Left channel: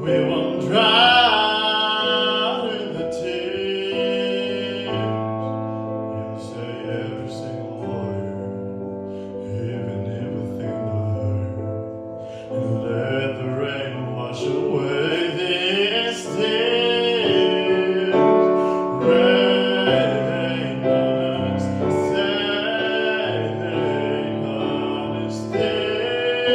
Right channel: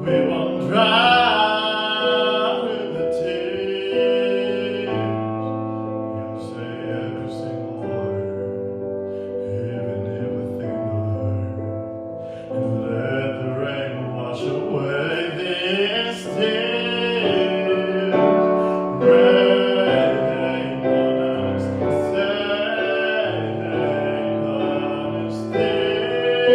We won't drown in the tears. We'll say every single word, even if we think the hurt. And let the rain wash away these tears. Rain on us, sailing on us, tears.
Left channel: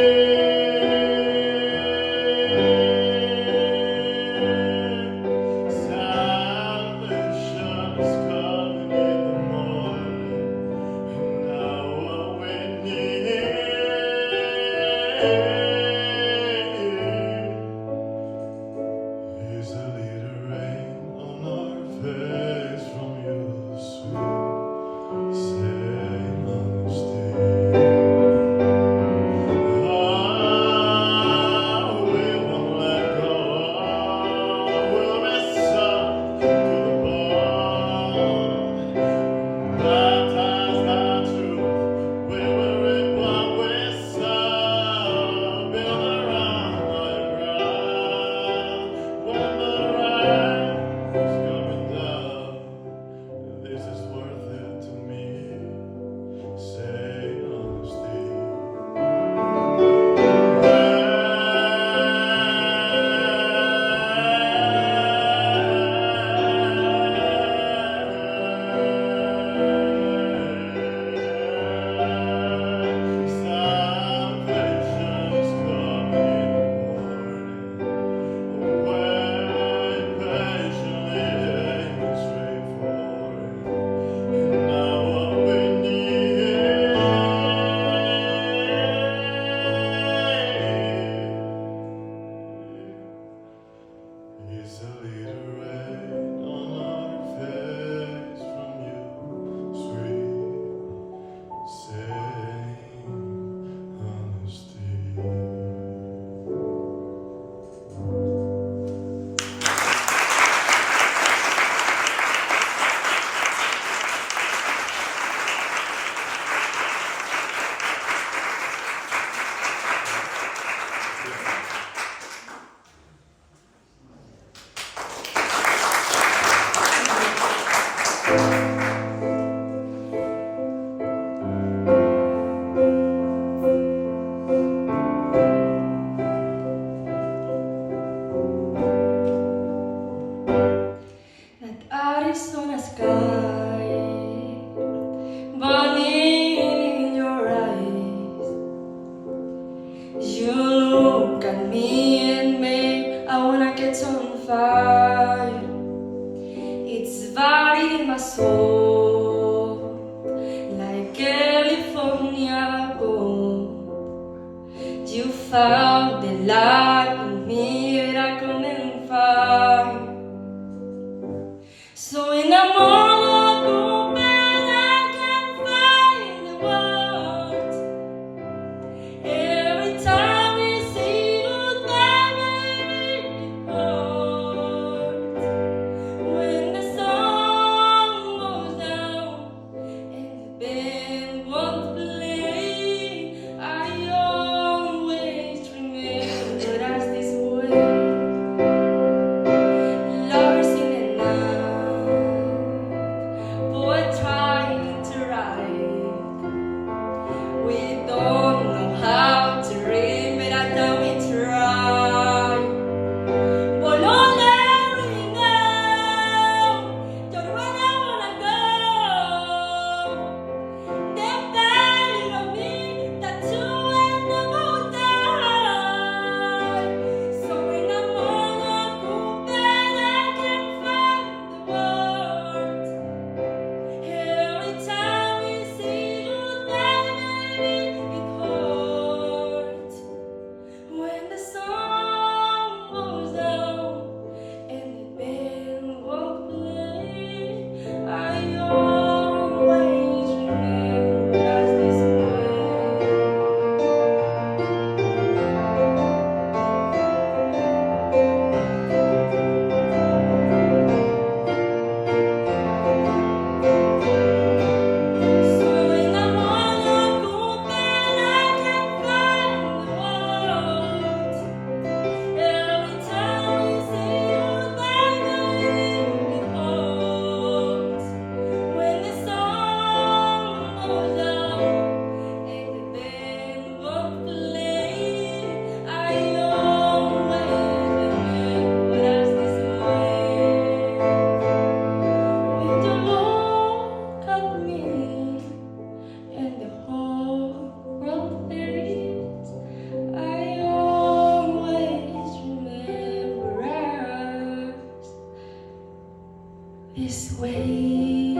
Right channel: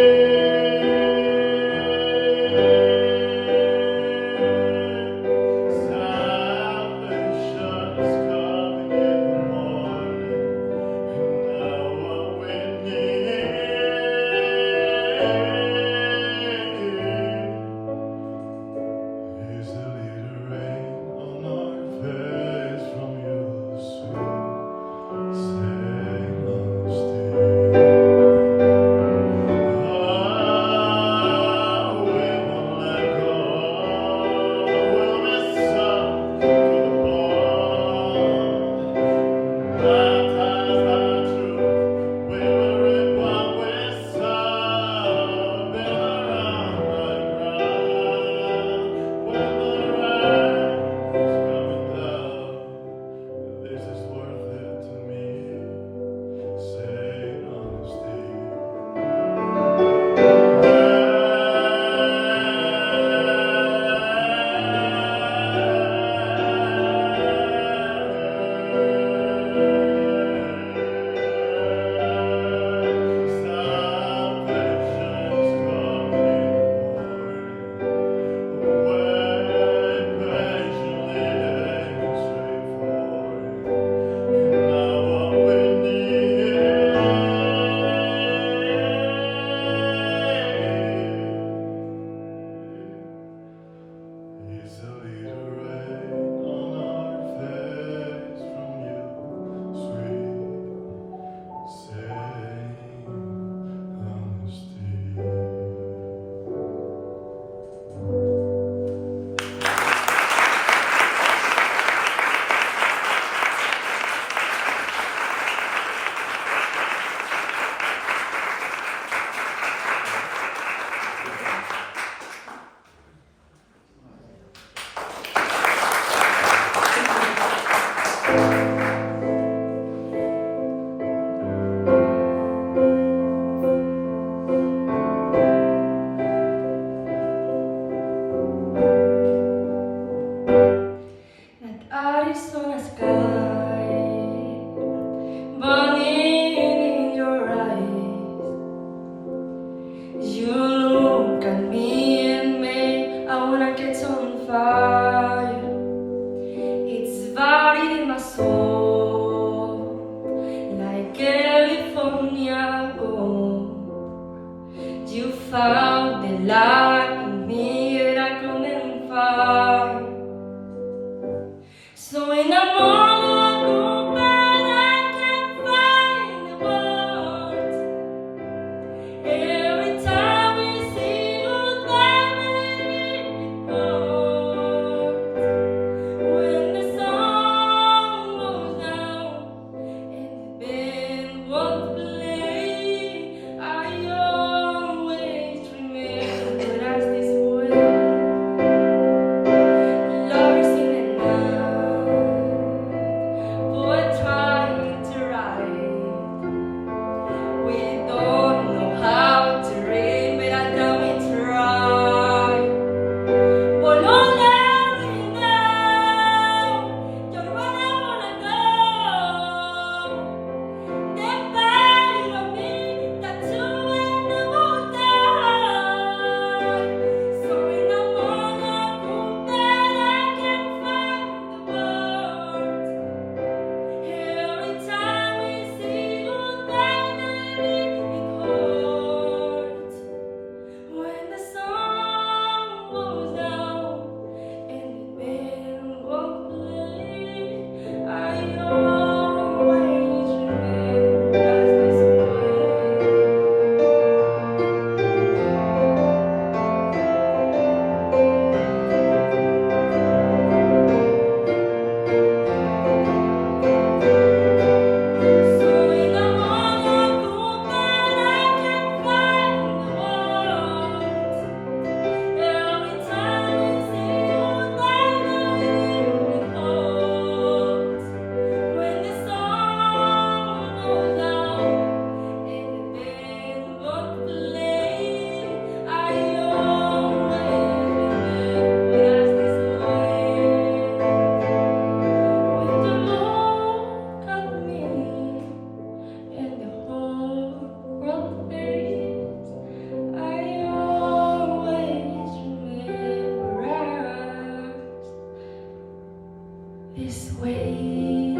this way.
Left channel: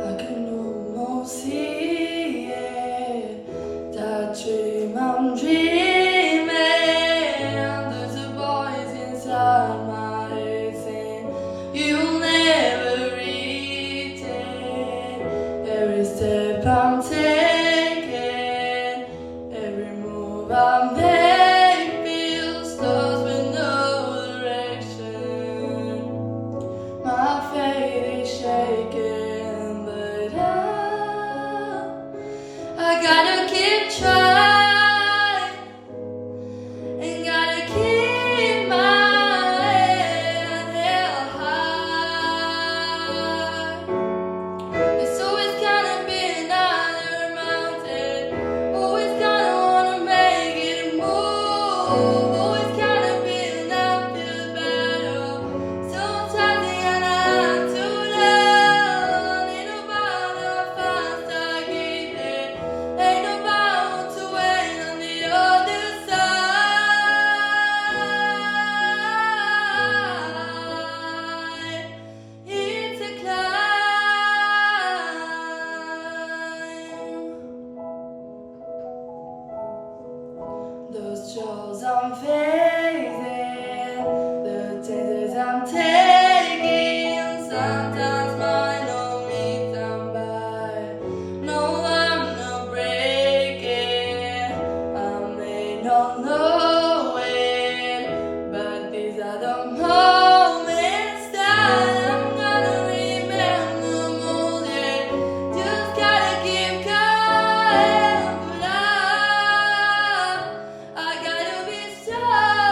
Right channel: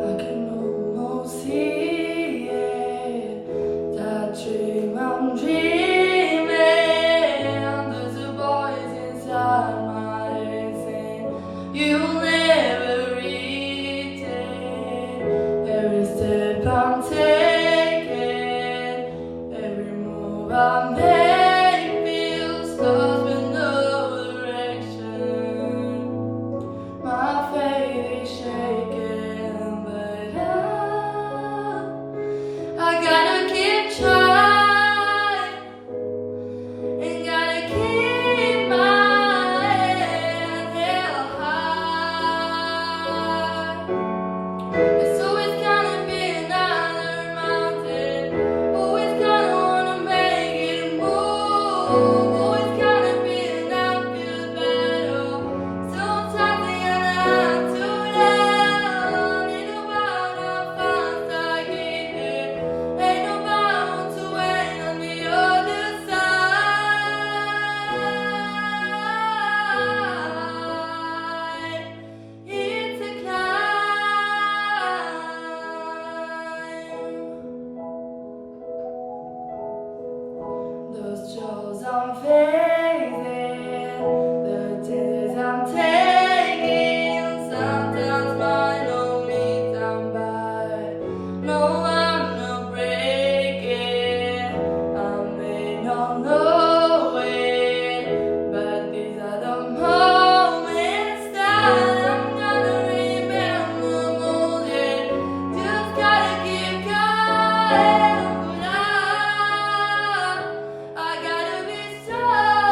I can almost see it, that dream I'm dreaming. There's a voice inside my head saying you'll never reach it. Every step I'm taking, every move I make feels lost with no direction. My faith is shaking, but I gotta keep trying and gotta keep my head held high. There's always gonna be another mountain, always gonna wanna make it move, always gonna be an uphill battle. Sometimes the have to down, ain't nobody fast I get there, ain't nobody want to wait on the other side. It's a climb. Those chills I'm facing, the chances I'm taking, sometimes mine don't mean I'm by. No, I'm not breaking, I may not know it, but these are the moments that I'm gonna remember more. Just gotta keep going, but I gotta be strong.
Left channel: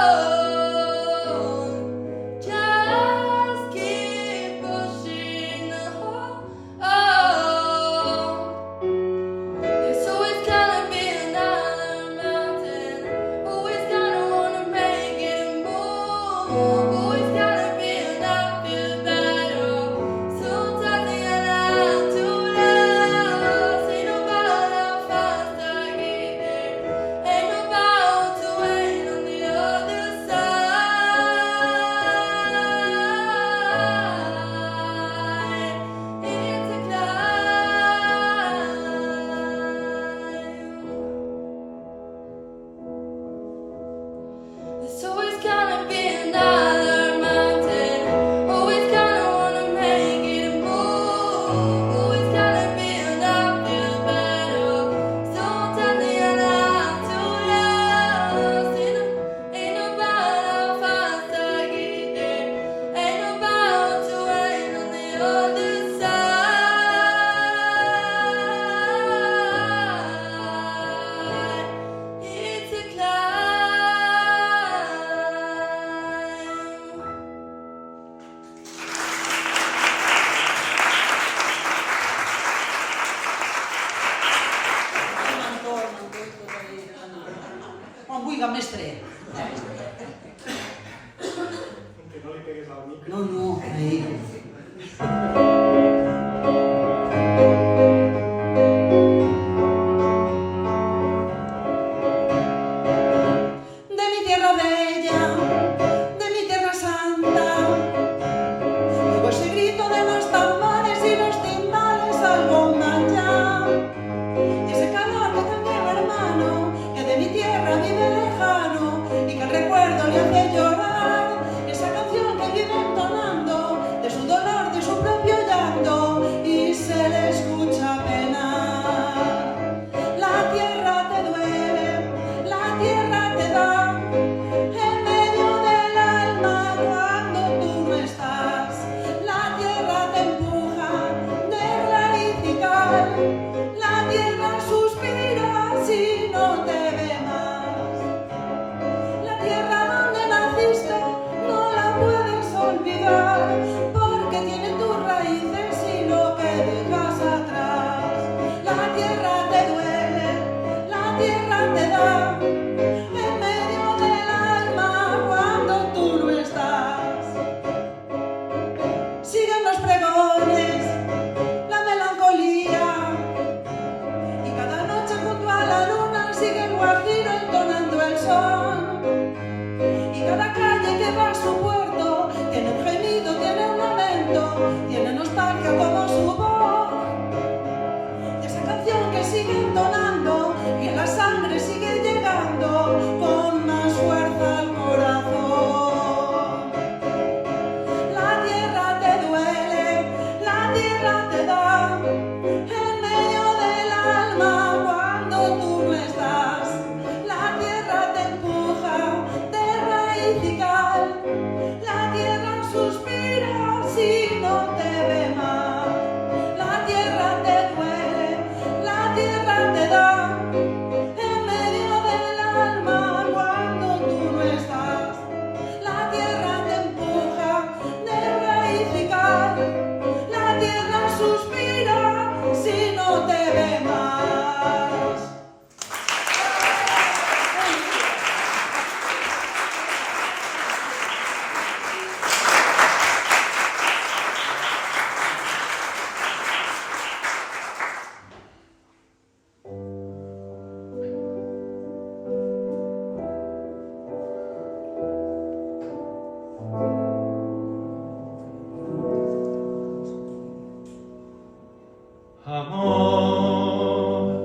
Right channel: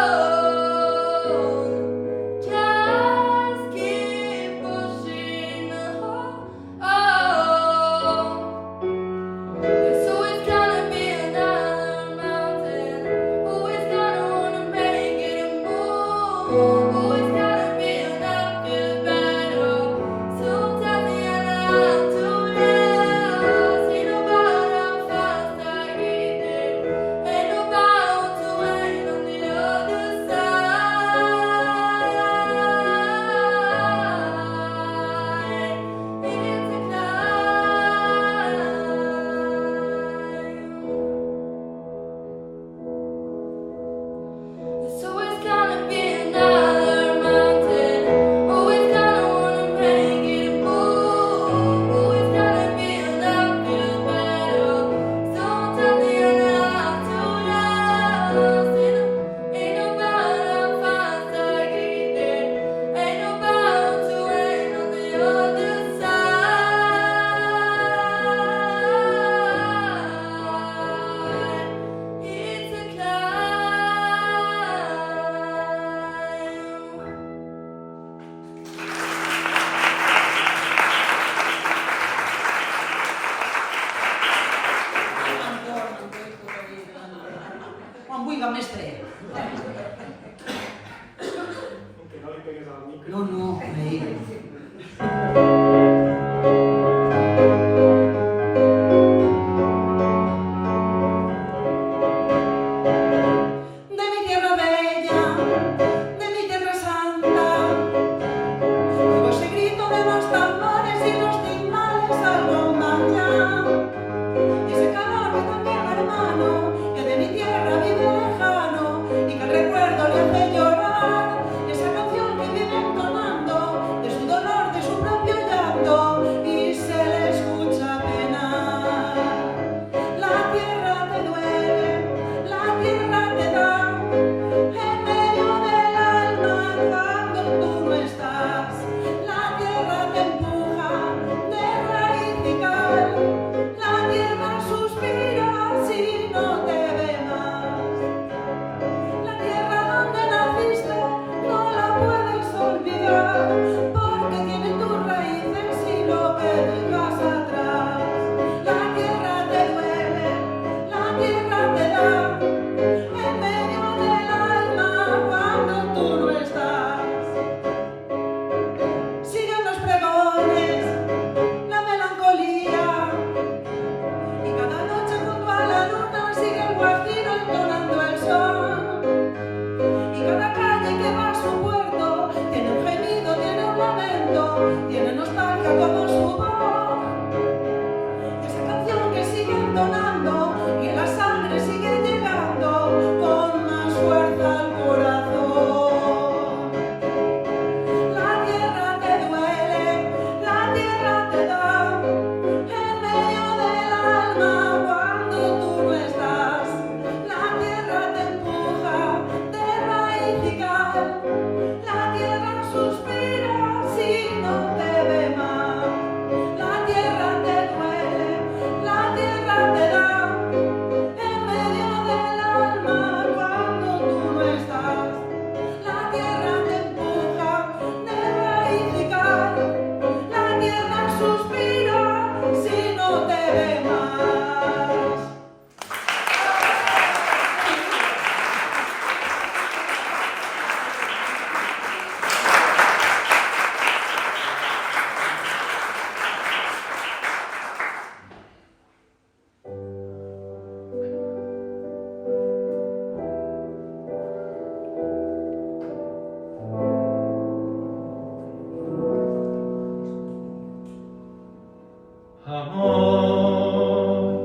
Amor,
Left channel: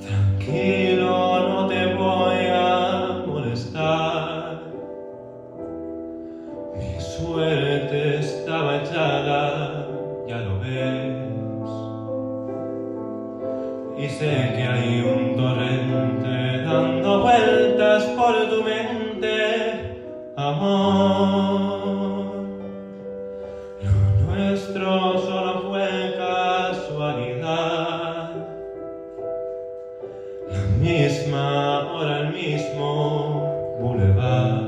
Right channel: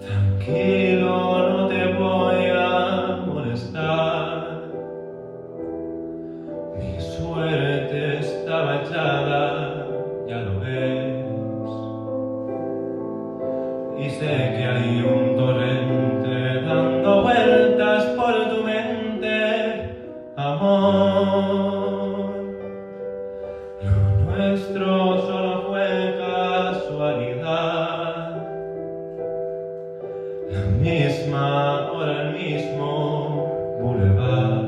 tranquilo, no te voy a molestar. Mi suerte estaba echada, ya lo ves. Y sé que hay un torrente dando vueltas por tu mente, amor. Lo nuestro solo fue casualidad. La misma hora, el mismo bulevar.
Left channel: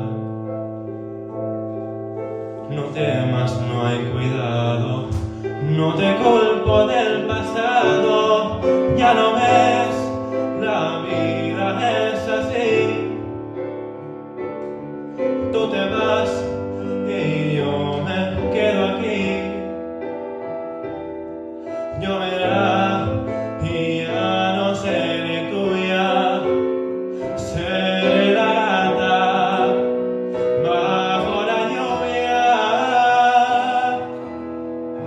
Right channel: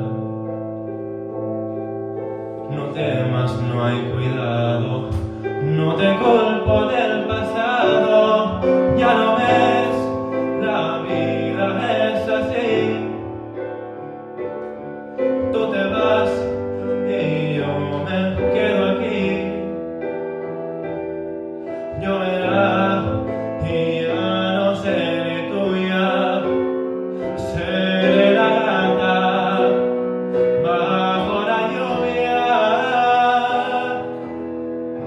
No temas, no hay cuidado, no te culpo del pasado. Ya lo ves, la vida es así. Tú te vas y yo me quedo aquí. Lloverá y ya no seré tuya, seré la gata bajo la lluvia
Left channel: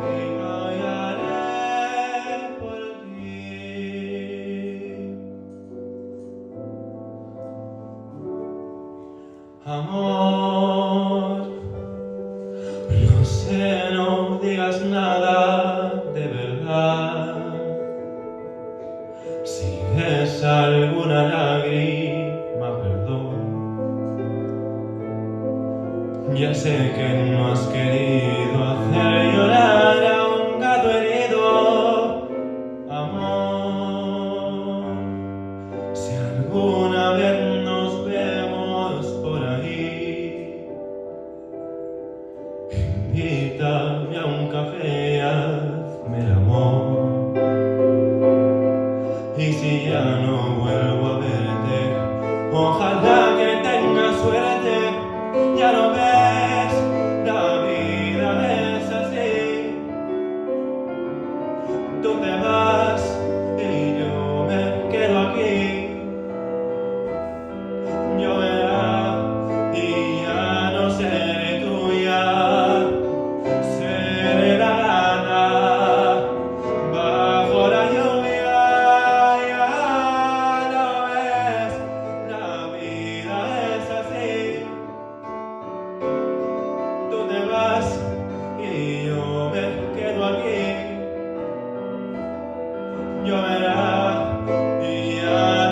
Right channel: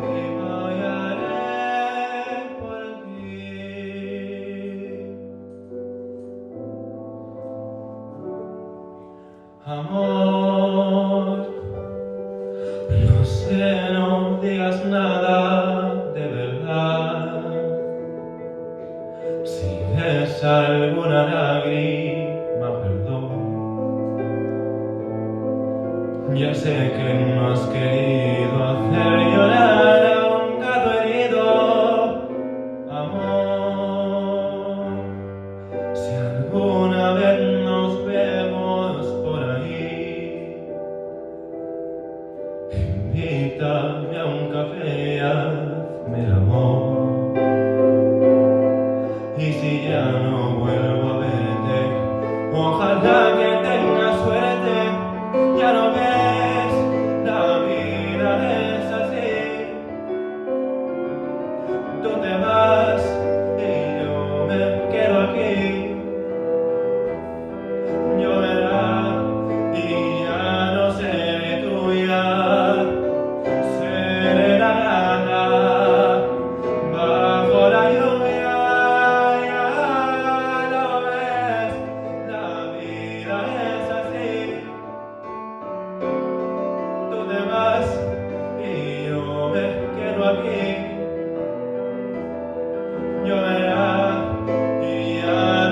y bailaré por ti. Amor, no sé, no digas nada de verdad. Si ves alguna lágrima, perdón. Ya sé que no has querido hacer llorar a un gato herido, amor. Si alguna vez nos vemos por ahí, invítame a un café, hazme el amor. Y si ya no vuelvo a verte, ojalá que tengas suerte. Ya lo ves, la vida es así. Tú te vas y yo me quedo aquí. Lloverá y ya no seré tuya, seré la gata bajo la lluvia. Ya lo ves, la vida es así. Tú te vas y yo me quedo aquí. Lloverá y ya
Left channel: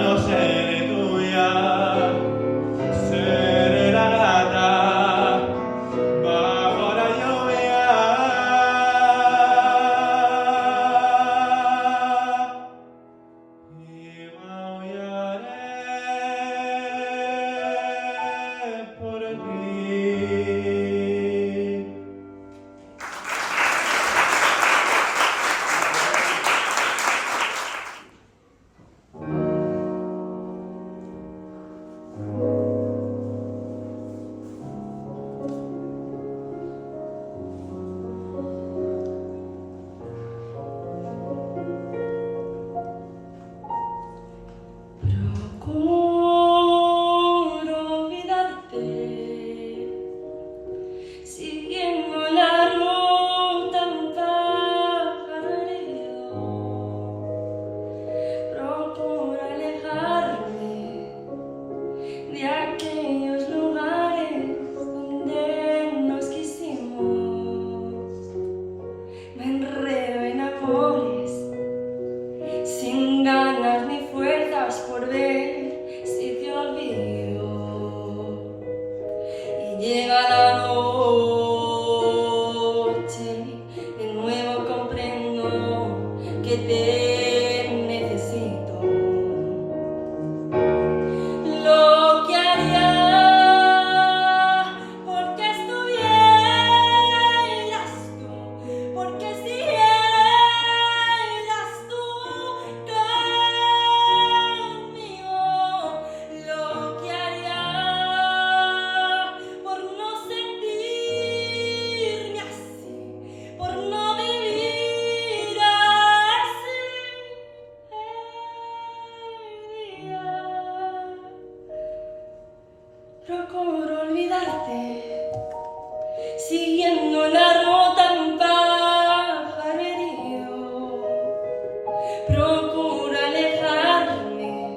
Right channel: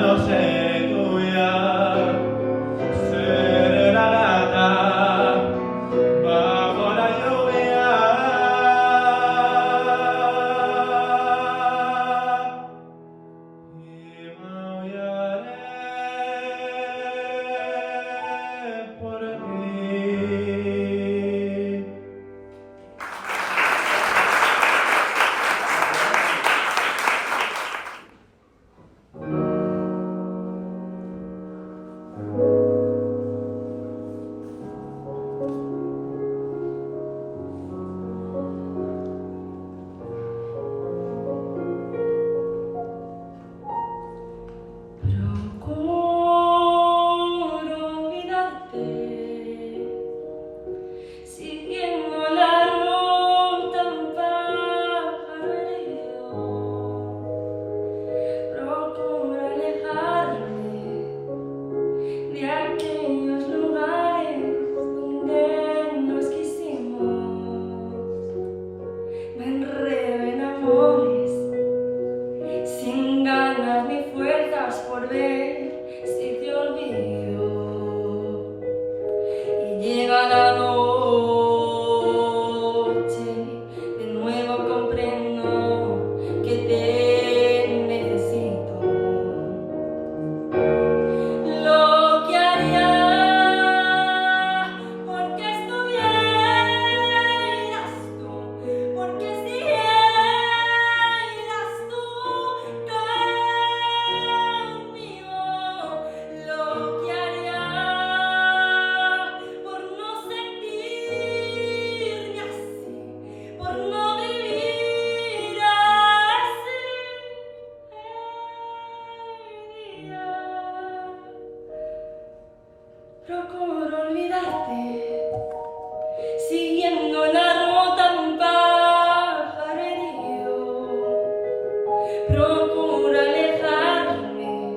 Procuro alejarme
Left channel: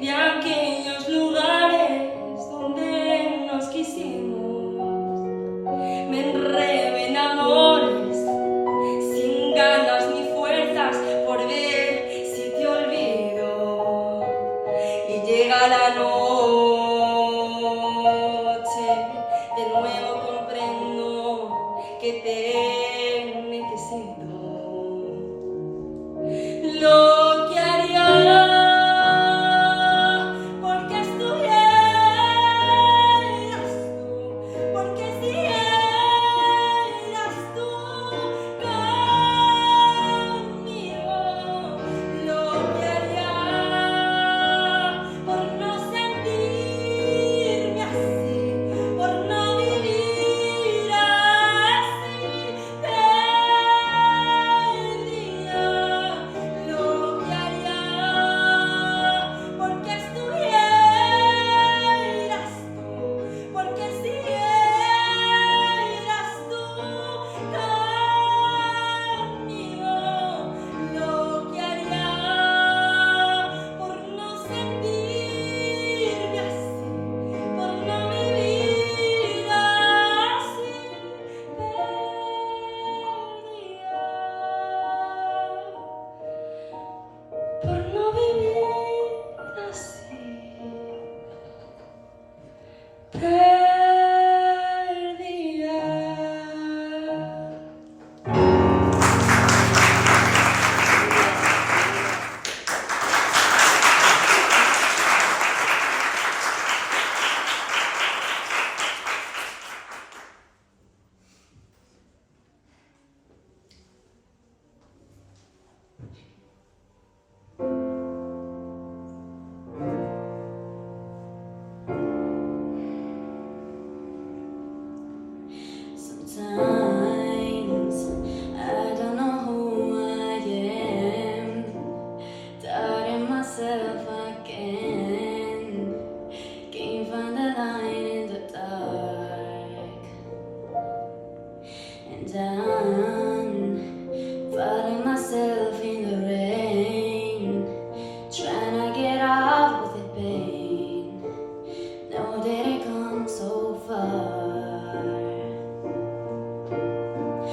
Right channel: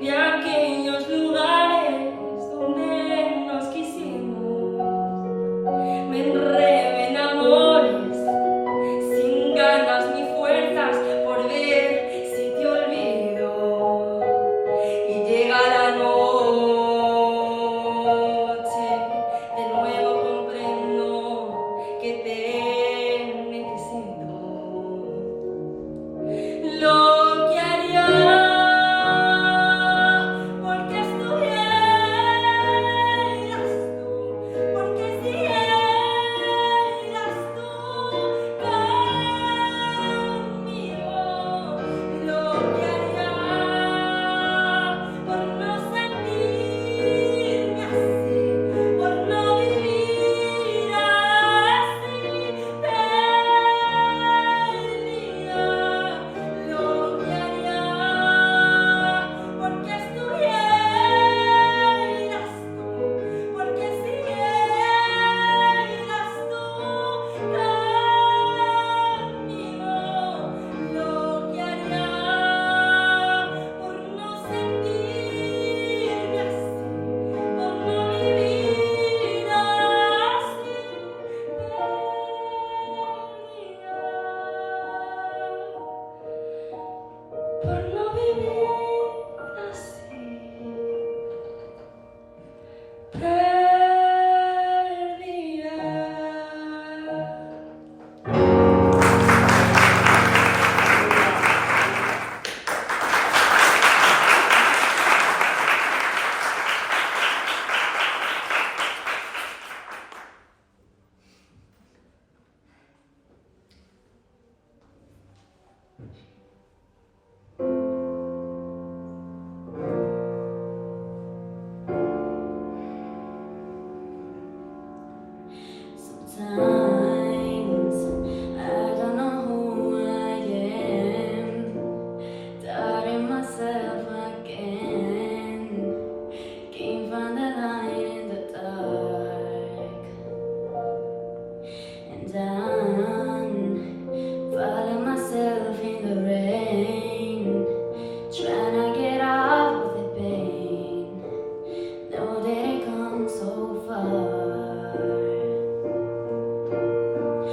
de aquellos lugares donde nos quisimos. Me enredo en amores sin ganas ni fuerzas por ver si te olvido. Y llega la noche, de nuevo comprendo que te necesito. Lo que haría porque estuvieras tú, porque si eras tú conmigo, lo que haría por no sentirme así, por no vivir así, perdida. Lo que haría porque estuvieras tú, porque si eras tú conmigo, lo que haría por no sentirme así, por no vivir así, perdida. Por no vivir así, perdida. Sometimes I don't know who I am, doubting myself again, can't find the light in the dark, and I'm fighting myself in the rain, trying to get out of the pain, know that it comes so far.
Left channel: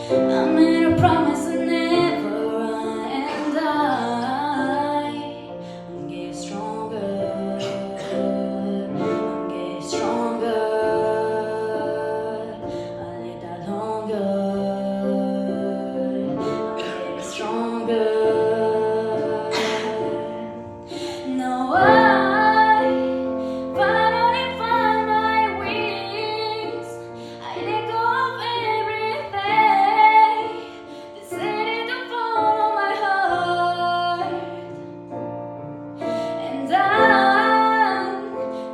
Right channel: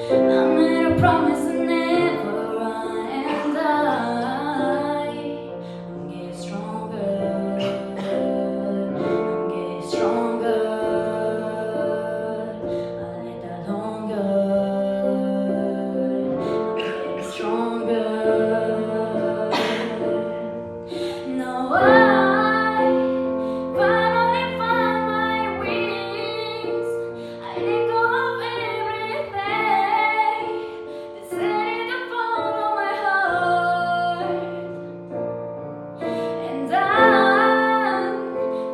I made a promise to never run, and I'm getting stronger. I'm getting stronger. I need that longer. I'm getting stronger. Now I finally found my wings. I let go of everything. Decided to follow my heart, and I'm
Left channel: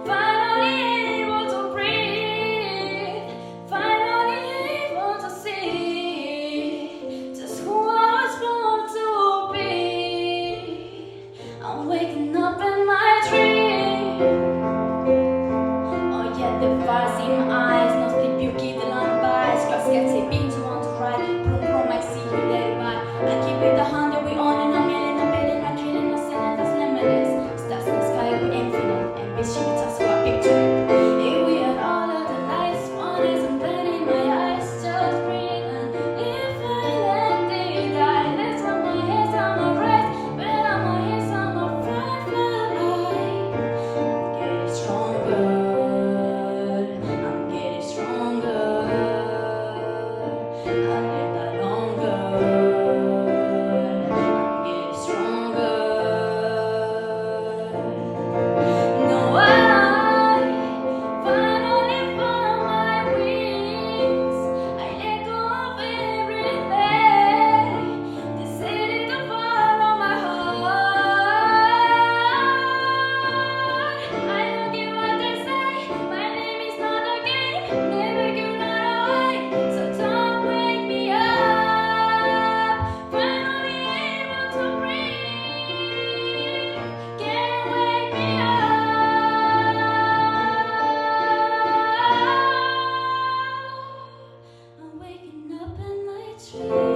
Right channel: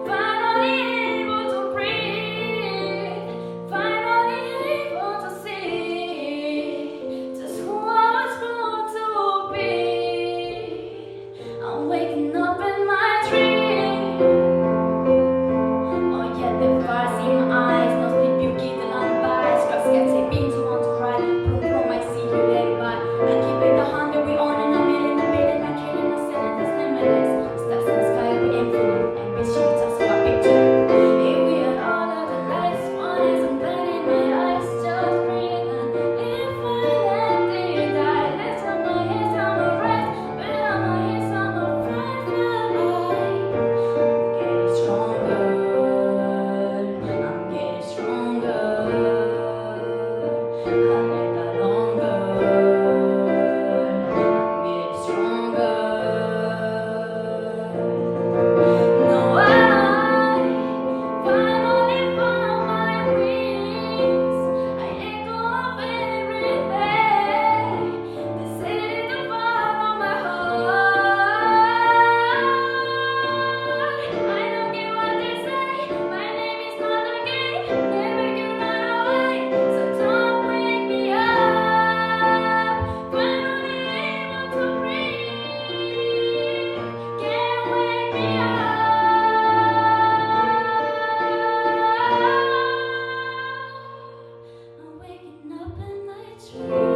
finally able to breathe. Finally able to see just who I was born to be. I'm waking up in my dream. Oh yeah, the fires in my eyes, no sleep, you giving unbiased. Girls get say beams, you want to cry. Boom, boom, I see you later, bye. I keep it 100, we on and a million, I killing, no sinning, that's limitless. Stars in the sky, we infinite, ambition, that's what I picture. If we had all of the lights, one eyes, I'm blinding my eyes, just breathing. If I let things die, that's how my head's on my breath, but my head's on my breath, my life. Getting stronger, I'm getting stronger. I need that longer. I'm getting stronger. Now I finally found my wings. I let go of everything. Decided to follow my heart. I don't care what they say. My name is not a game. Never give that away. So don't wake me up. Finally able to breathe. Can't wake me up. I'm waking up in my dreams.